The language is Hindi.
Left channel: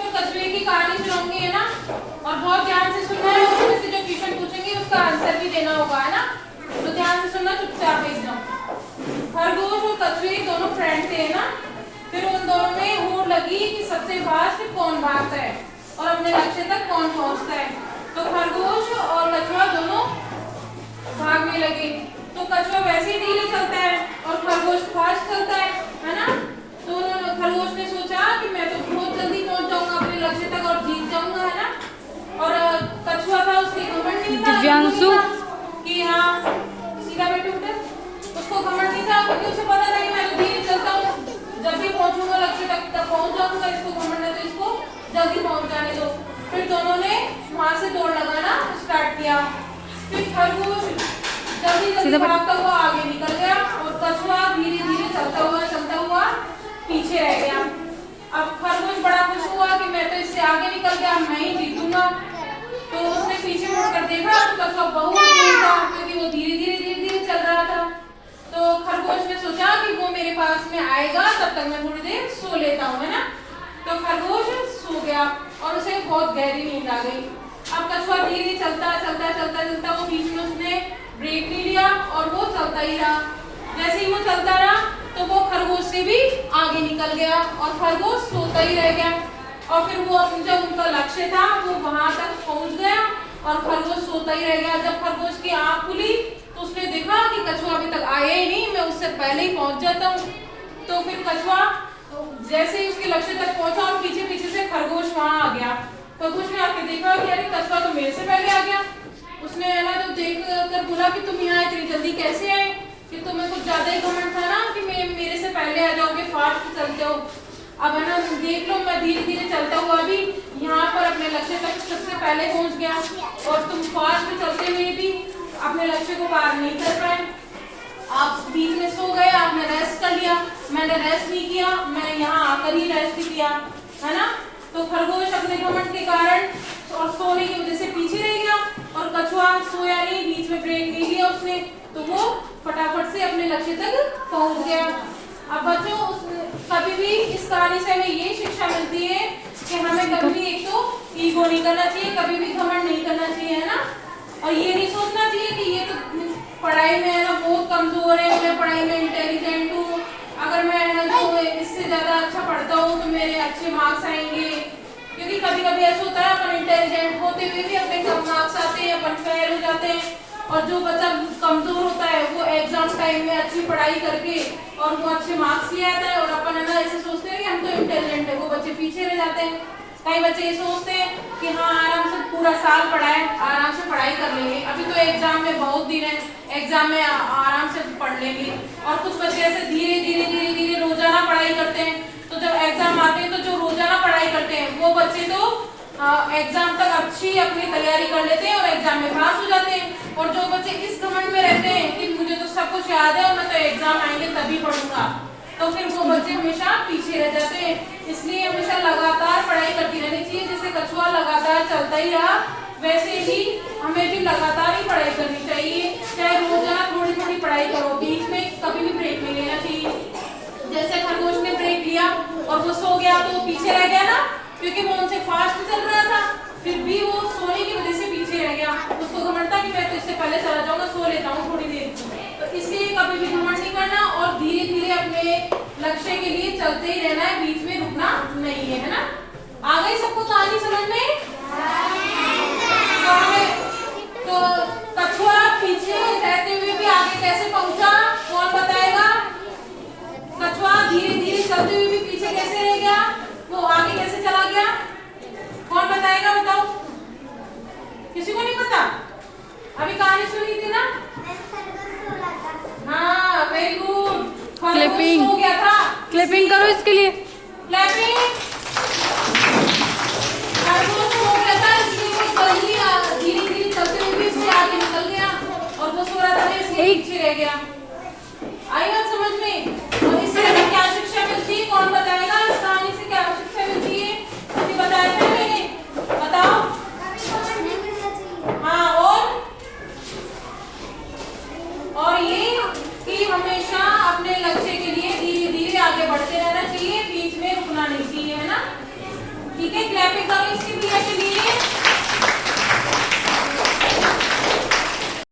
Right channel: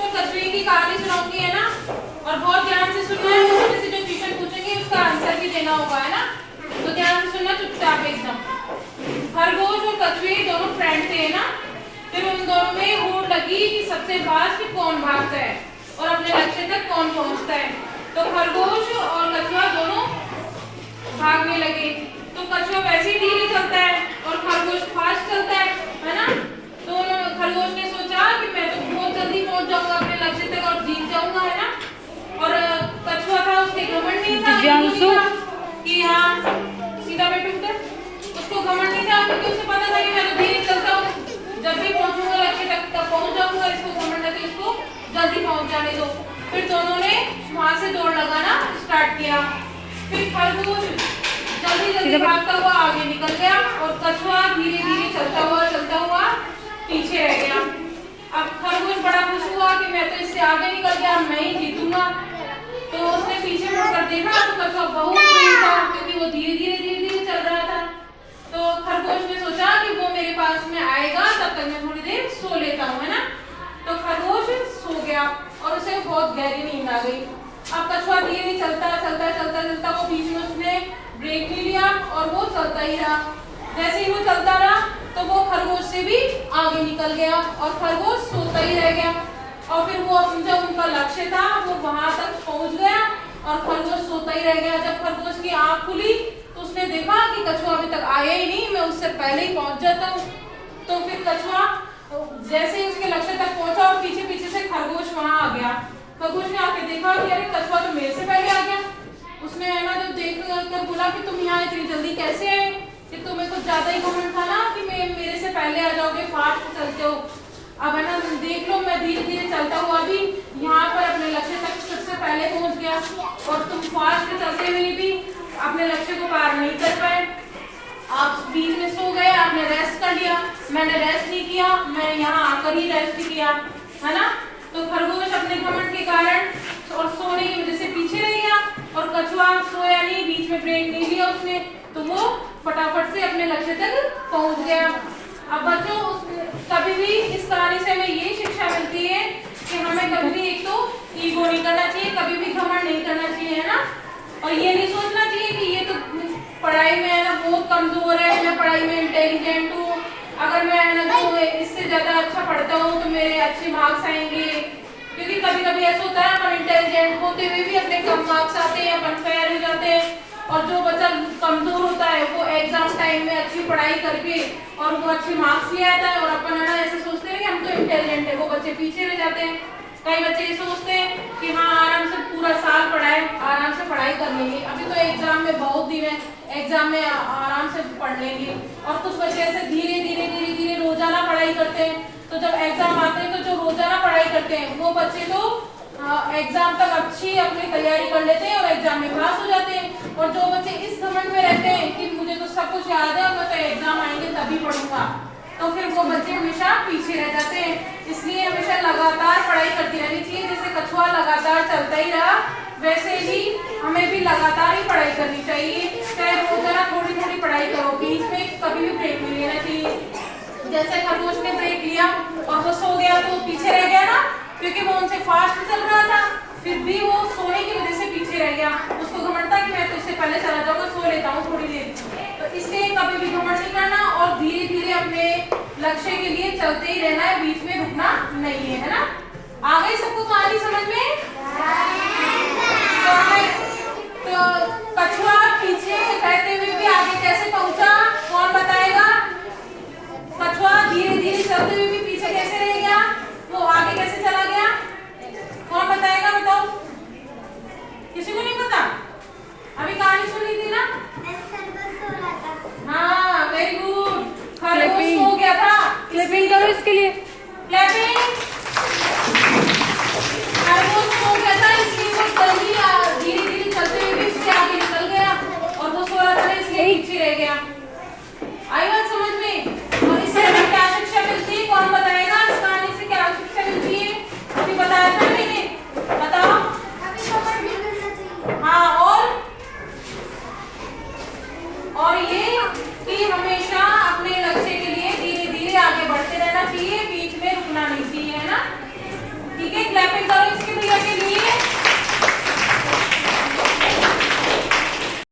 तो कछुए की कहानी सुनाऊंगी, है ना, और बहुत ध्यान से सुनना है। उसमें से जो क्वेश्चन पूछेंगे उसका आंसर भी देना होगा, है ना, तो ध्यान से सुनना चुपचाप एकदम। खरगोश और कछुए दोनों फ्रेंड थे ना, फिर उन दोनों में होड़ लगी कि सबसे फास्ट कौन भागता है और अपने लक्ष्य तक कौन पहुंचता है। तो खरगोश और कछुआ दोनों भागने लगे। तो कछुआ वैसे ही धीरे चलता है और खरगोश फास्ट चलता है ना। तो खरगोश ने सोचा कि मैं तो बहुत जल्दी पहुंच जाऊंगा अपने लक्ष्य तक और जीत जाऊंगा, है ना। और कछुआ था, उसके घमंड नहीं था कि हाँ सीधा बैठे उधर, उसको घमंड नहीं था क्योंकि उसे पता था कि मैं तो धीरे चलता हूँ, जब भी पहुंचूंगा लक्ष्य तक पहुंच जाऊंगा। इसको घमंड है तो इसको जल्दी पहुंच जाने दो। फिर दोनों ने वहां से दौड़ लगाना स्टार्ट किया। फिर खरगोश जल्दी भागता हुआ आगे निकल गया और कछुआ धीरे धीरे चलता हुआ पीछे रह गया। अब खरगोश बड़ा खुश हुआ कि मैं तो इससे आगे निकल गया, मैं ही जीतूंगा। तो उसने पीछे मुड़कर देखा तो कछुआ बहुत तेज था क्योंकि वो धीरे धीरे चल रहा था। तो खरगोश ने सोचा कि वो मेरे पास में आएगा, तब तक मैं थोड़ी देर सो लेता हूँ, है ना। तो खरगोश सो गया और उसे बहुत गहरी नींद आ गई। अब कछुआ धीरे चलता वो बीच में उसने ब्रेक नहीं लिया और वो चलता ही रहा। जैसे ही वो चलता रहा तो वो खरगोश से भी आगे निकल गया और खरगोश सोता ही रह गया। और फिर वो जो उनका लक्ष्य था वो वहां तक पहुंच गया और खरगोश सोता ही रह गया। जब खरगोश की आंख खुली तो उसने देखा कि कछुआ अभी तक आया ही नहीं, मैं उससे पहले ही पहुंच जाता हूँ। तो फिर कछुआ जैसे ही उसके लक्ष्य तक पहुंचा और पीछे से खरगोश वहां आ गया। खरगोश ने आके देखा कि अरे कछुआ तो मेरे से पहले आ गया। उसने है ना जब देख कर बोला कि तुम यहाँ इतनी जल्दी कैसे आए, कि तुम्हें कुछ ज्यादा ही घमंड था ना कि मेरे से पहले आ जाओगे, फास्ट चलते हो। अब है ना देख लो, मैं धीरे धीरे चलता हुआ भी यहाँ पर अपने लक्ष्य तक सबसे पहले पहुंच गया और तुम फास्ट चलते हुए भी अपने लक्ष्य को पार नहीं कर पाए। आप बीच में सो गए, आपने रेस्ट कर लिया, मैंने रेस्ट नहीं किया, मैं यहाँ आकर ही रेस्ट किया, है ना। तो खरगोश अपने घमंड के कारण और सोने की वजह से पीछे रह गया और कछुआ सोया नहीं, बीच में ब्रेक नहीं लिया उसने, तो वो फटाफट से अपने लक्ष्य तक पहुंच गया। अब बच्चों कभी भी इस कहानी से हमें ये शिक्षा मिलती है कि हमें कभी भी एक तो ईगो नहीं करना चाहिए, कभी भी घमंड नहीं करना चाहिए, है ना। और ये नहीं सोचना चाहिए कि ये तो पढ़ाई में है ना बहुत कमजोर है, मैं पढ़ाई में इंटेलिजेंट हूँ, अगर मैं है ना तो इससे ज्यादा अच्छा पढ़ता हूँ तो मेरे अच्छे मार्क्स आएंगे। क्योंकि कभी कभी ऐसा होता है अपन इंटेलिजेंट होते हुए भी अपने कम मार्क्स आते हैं, अपन फेल हो जाते हैं। और जो बच्चा कमजोर होता है वो एग्जाम टाइम में अच्छी पढ़ाई करके और वो अच्छे मार्क्स ले आता है और अपन है ना ऐसे सोचते हैं कि हम तो इंटेलिजेंट है, वो बच्चे पीछे रह जाते हैं। कई बच्चे ये सोचते हैं कि हाँ आराम से पूरा साल पढ़ाए, आराम से पढ़ाई कर लेंगे, अभी तो एग्जाम में बहुत दिन है, एग्जाम में आराम से पढ़ लेंगे। और कुछ बच्चे ऐसे धीरे धीरे रोजाना पढ़ाई करते हैं, तो जब एग्जाम आते हैं तो जो रोजाना पढ़ाई करते हैं वो बच्चे तो एग्जाम तक अच्छी अपनी तैयारी कर लेते हैं और एग्जाम में पास हो जाते हैं। और जो बच्चे इस घमंड में रहते हैं कि मुझे तो सब कुछ याद है और मैं तो एग्जाम आएंगे तभी पढ़ूंगा, तो फिर वो बच्चे हमेशा पीछे रह जाते हैं। इसलिए हमेशा लगातार पढ़ाई करती रहनी चाहिए। जैसे कछुआ लगातार चलता ही रहा, वैसे ही हमें भी लगातार ही पढ़ाई करनी चाहिए। चाहे रोजाना थोड़ी थोड़ी पढ़ाई करो, बीच में कभी भी ब्रेक नहीं लेना चाहिए। जैसे खरगोश ने ब्रेक लिया और वो सो गया तो पीछे रह गया ना, क्योंकि वो उनसे फास्ट चल रहा था, फिर भी वो सोने की वजह से पीछे रह गया। उसको घमंड था कि मैं तो इससे पहले चला जाऊंगा, सो लेता हूँ थोड़ी देर। तो इसलिए कभी भी घमंड नहीं करना और धीरे धीरे अपने लक्ष्य के लिए चलते ही रहना है, बीच में रुकना नहीं है ना। आ गई सबको कहानी समझ में? तो कछुआ पीछे रहते हुए भी आगे कैसे पहुंचा, कौन बताएगा? कछुआ धीरे धीरे चलते हुए भी पीछे कैसे रह गया, वो आगे कैसे चला गया, कौन बताएगा? बताओ, किसी को नहीं पता? अभी कहानी सुनी थी ना? हाँ वेरी गुड, खरगोश सो गया था। क्लैपिंग करो इसके लिए, क्लैपिंग। क्लैपिंग का